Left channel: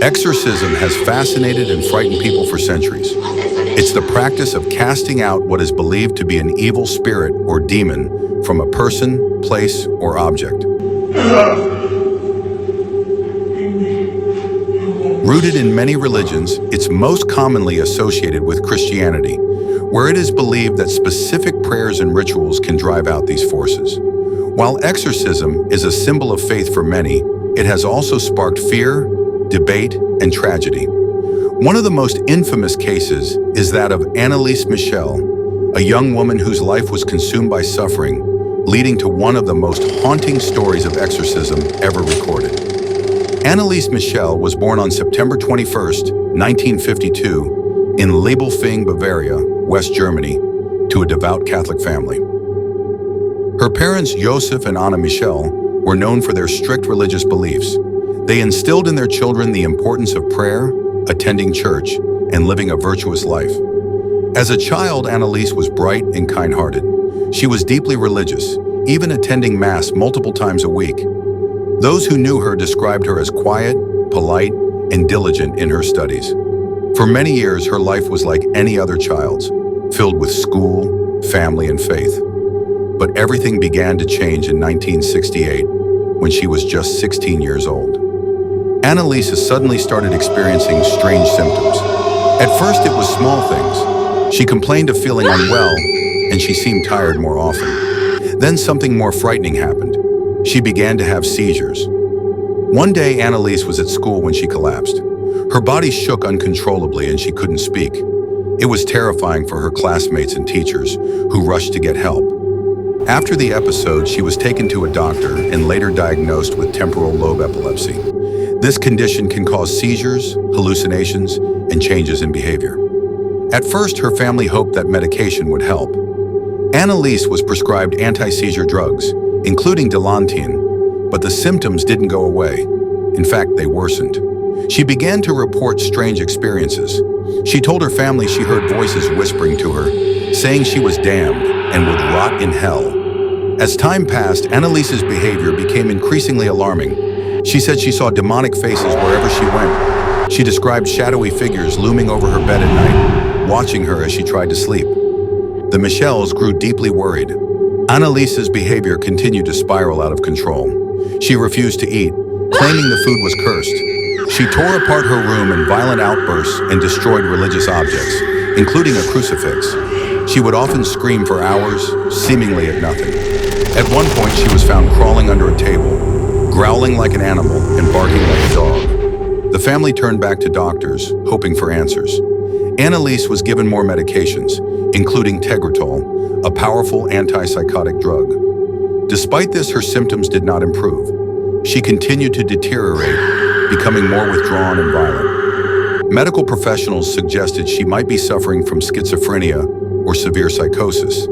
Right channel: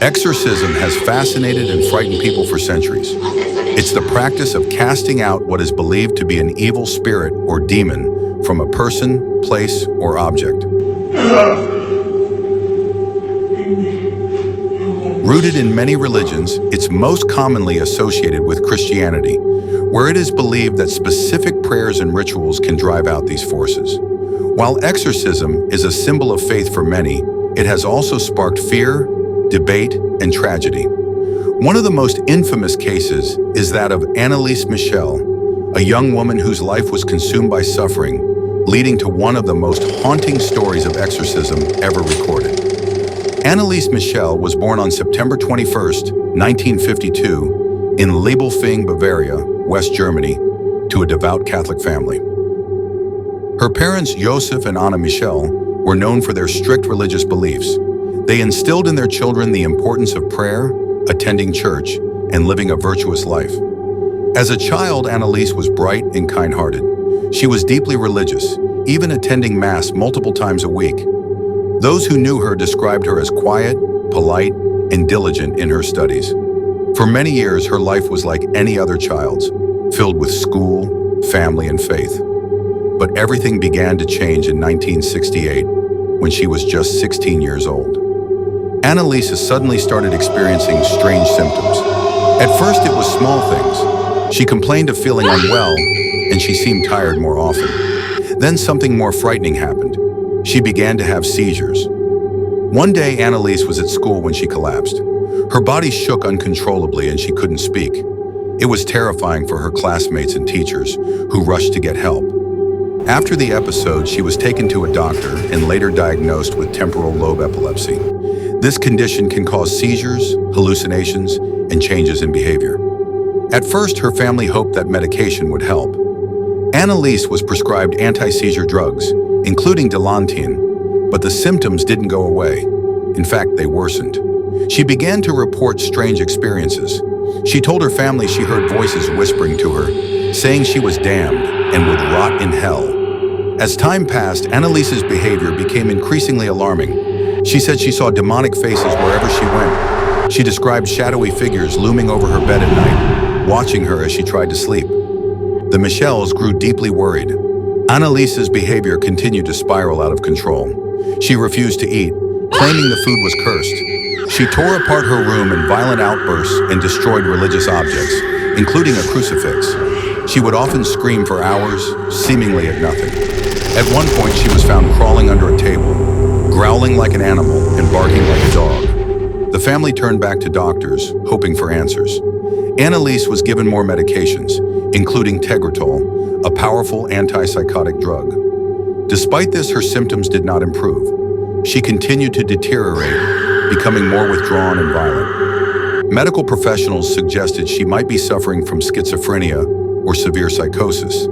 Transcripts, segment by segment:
Exorcism has fascinated and frightened people for centuries. It's the practice of casting out what is believed to be an evil spirit or demon from a person, place, or object. Rooted in many religions, it's most commonly associated with Christianity, where it is believed that specific prayers and rituals can drive out these forces. While exorcism is a symbol of faith for many, it has also sparked fear, debate, and tragedy. One of the most infamous cases is that of Anneliese Michel, a young woman whose life was consumed by suffering, leading to one of the most haunting stories of exorcism ever recorded. Anneliese Michel was born on September 21, 1952, in Liebelfing, Bavaria, West Germany, to a devout Catholic family. Her parents, Joseph and Anna Michel, were known for their strict religious beliefs. They instilled in their children the importance of prayer, attending church, and living a virtuous life. As a child, Anneliese was bright and kind-hearted. She was deeply religious, even attending Mass multiple times a week. Those who knew her described her as quiet, polite, and diligent in her studies. For many years, her life was like any other child's, filled with school, family, and faith. But everything began to change in 1968, when she was just 16 years old. Anneliese suddenly started experiencing strange symptoms. At first, it was small things. She complained of feeling unwell, and she seemed tired more often. Then something more frightening happened. She began to have seizures. One day, Anneliese was at school when she collapsed. Her body shook uncontrollably and she couldn't speak. It was terrifying for her classmates and teachers, who rushed to get help. After the episode, she was taken to a doctor and later diagnosed with temporal lobe epilepsy. This condition can cause seizures, hallucinations, and changes in behavior. At first, her family hoped that medication would help. Anneliese was prescribed anti-seizure drugs, including Dilantin, but the symptoms didn't go away. In fact, they worsened. She began to report strange experiences. She told her family she heard voices whispering to her, saying she was damned and would rot in hell. As time passed, Anneliese's behavior became increasingly alarming. She said she saw demonic faces wherever she went. She described shadowy figures looming over her bed at night, watching her as she tried to sleep. The Michels grew deeply worried. Anneliese's behavior continued to spiral out of control. She refused to eat, claiming the food was cursed. She tore apart her room in violent outbursts and destroyed religious objects, including a crucifix. She would often scream for hours, seemingly at nothing. At one point, she was found crawling under a table, growling like an animal and barking like a dog. The family turned back to doctors, hoping for answers. Anneliese was given more medications, including Tegretol, a powerful antipsychotic drug. Despite this, her symptoms did not improve. She continued to deteriorate, becoming more withdrawn and violent. Medical professionals suggested she might be suffering from schizophrenia or severe psychosis,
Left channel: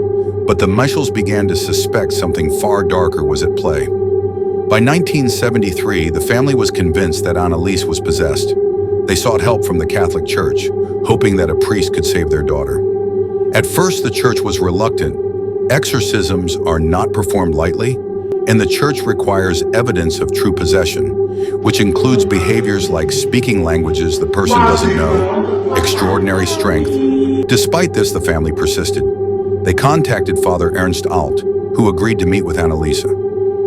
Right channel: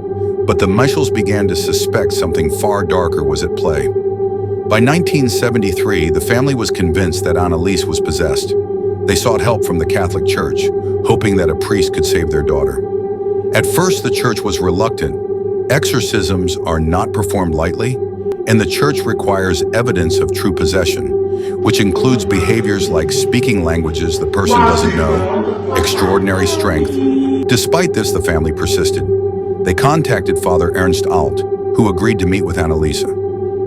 but the Michels began to suspect something far darker was at play. By 1973, the family was convinced that Anneliese was possessed. They sought help from the Catholic Church, hoping that a priest could save their daughter. At first, the church was reluctant. Exorcisms are not performed lightly, and the church requires evidence of true possession, which includes behaviors like speaking languages the person doesn't know, extraordinary strength. Despite this, the family persisted. They contacted Father Ernst Alt, who agreed to meet with Anneliese.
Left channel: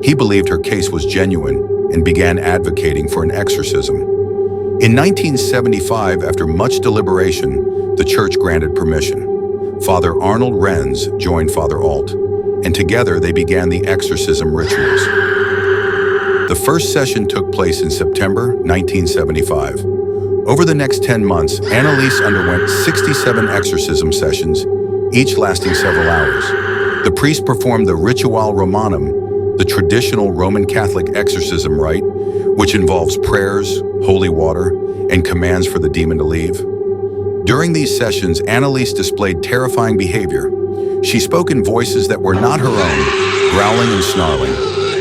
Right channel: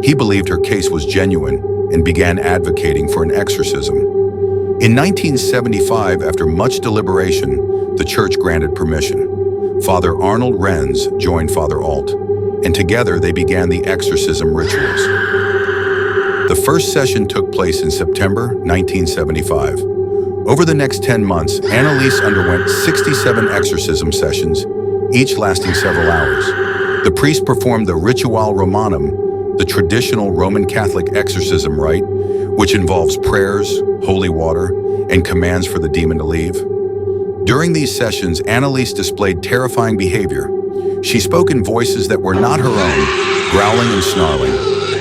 He believed her case was genuine and began advocating for an exorcism. In 1975, after much deliberation, the church granted permission. Father Arnold Renz joined Father Alt, and together they began the exorcism rituals. The first session took place in September 1975. Over the next 10 months, Anneliese underwent 67 exorcism sessions, each lasting several hours. The priest performed the Ritual Romanum, the traditional Roman Catholic exorcism rite, which involves prayers, holy water, and commands for the demon to leave. During these sessions, Anneliese displayed terrifying behavior. She spoke in voices that were not her own, growling and snarling.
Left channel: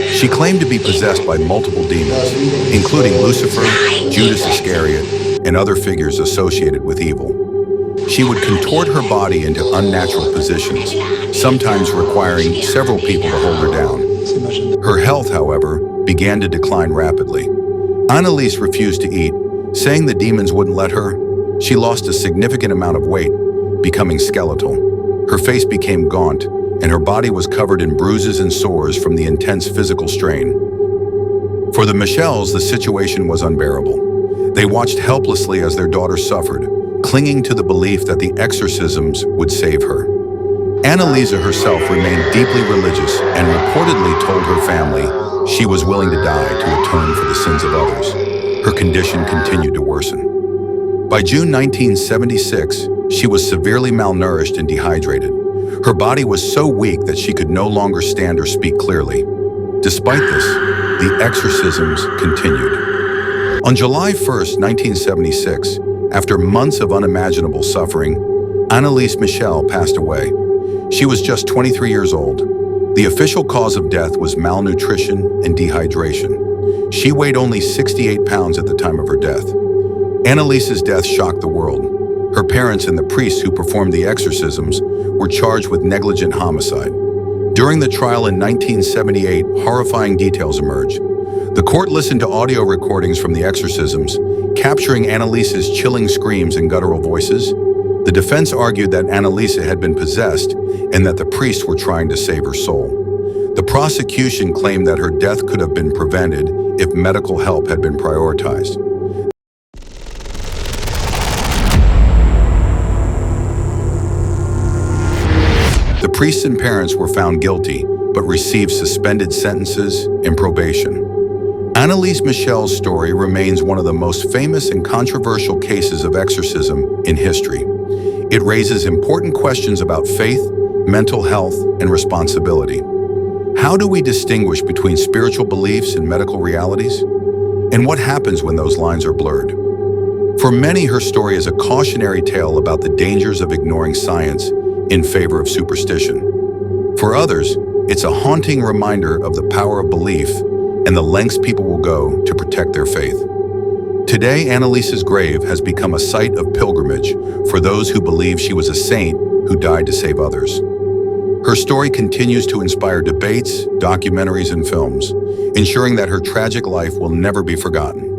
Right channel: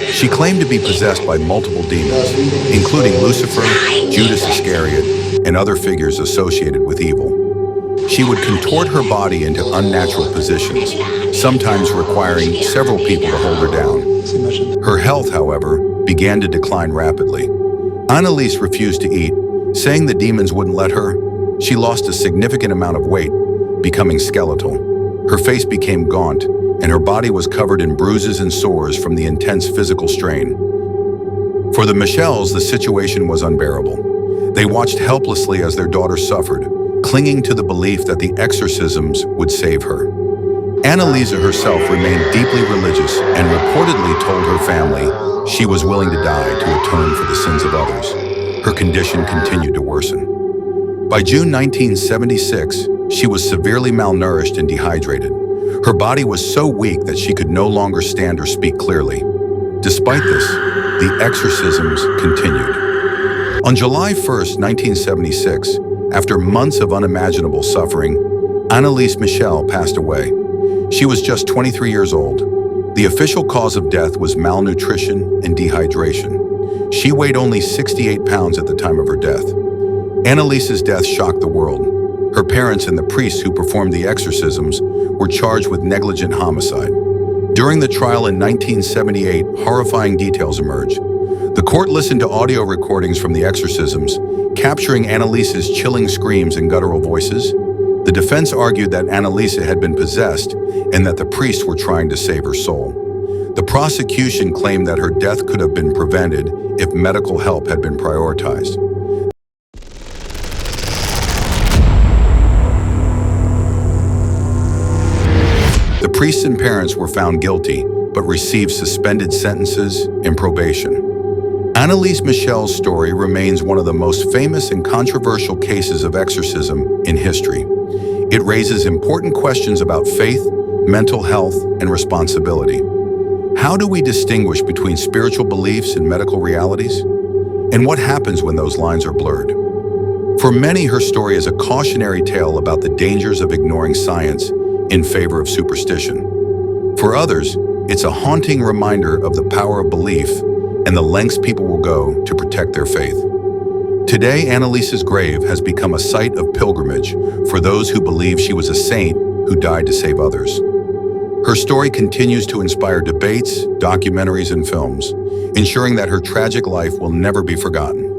She claimed to be possessed by multiple demons, including Lucifer, Judas Iscariot, and other figures associated with evil. She would contort her body into unnatural positions, sometimes requiring several people to hold her down. Her health, however, began to decline rapidly. Anneliese refused to eat, Saying the demons wouldn't let her, she lost a significant amount of weight, becoming skeletal. Her face became gaunt, and her body was covered in bruises and sores from the intense physical strain. For the Michels, the situation was unbearable. They watched helplessly as their daughter suffered, clinging to the belief that the exorcisms would save her. Anneliese herself remained deeply religious and reportedly told her family she was willing to die to atone for the sins of others. Her condition continued to worsen. By June 1976, she was severely malnourished and dehydrated. Her body was so weak that she could no longer stand or speak clearly. Despite this, the exorcisms continued. On July 1st, 1976, after months of unimaginable suffering, Anneliese Michel passed away. She was just 23 years old. The official cause of death was malnutrition and dehydration. She weighed only 68 pounds at the time of her death. Anneliese's death shocked the world. Her parents and the priests who performed the exorcisms were charged with negligent homicide. During the trial in 1978, horrifying details emerged. The court listened to audio recordings from the exorcisms, capturing Anneliese's chilling screams and guttural voices. The defense argued that Anneliese had been possessed and that the priests were trying to save her soul. The prosecution claimed that her death could have been prevented if medical help had been prioritized. The priests and parents were found guilty, but received suspended sentences and probation. Anneliese Michel's story remains one of the most famous and controversial cases of exorcism in history. It raises important questions about faith, mental health, and responsibility. How do we distinguish between spiritual beliefs and medical realities? And what happens when those lines are blurred? For many, her story is a cautionary tale about the dangers of ignoring science in favor of superstition. For others, it's a haunting reminder of the power of belief and the lengths people will go to protect their faith. Today, Anneliese's grave has become a site of pilgrimage for those who believe she was a saint who died to save others. Her story continues to inspire debates, documentaries, and films, ensuring that her tragic life will never be forgotten.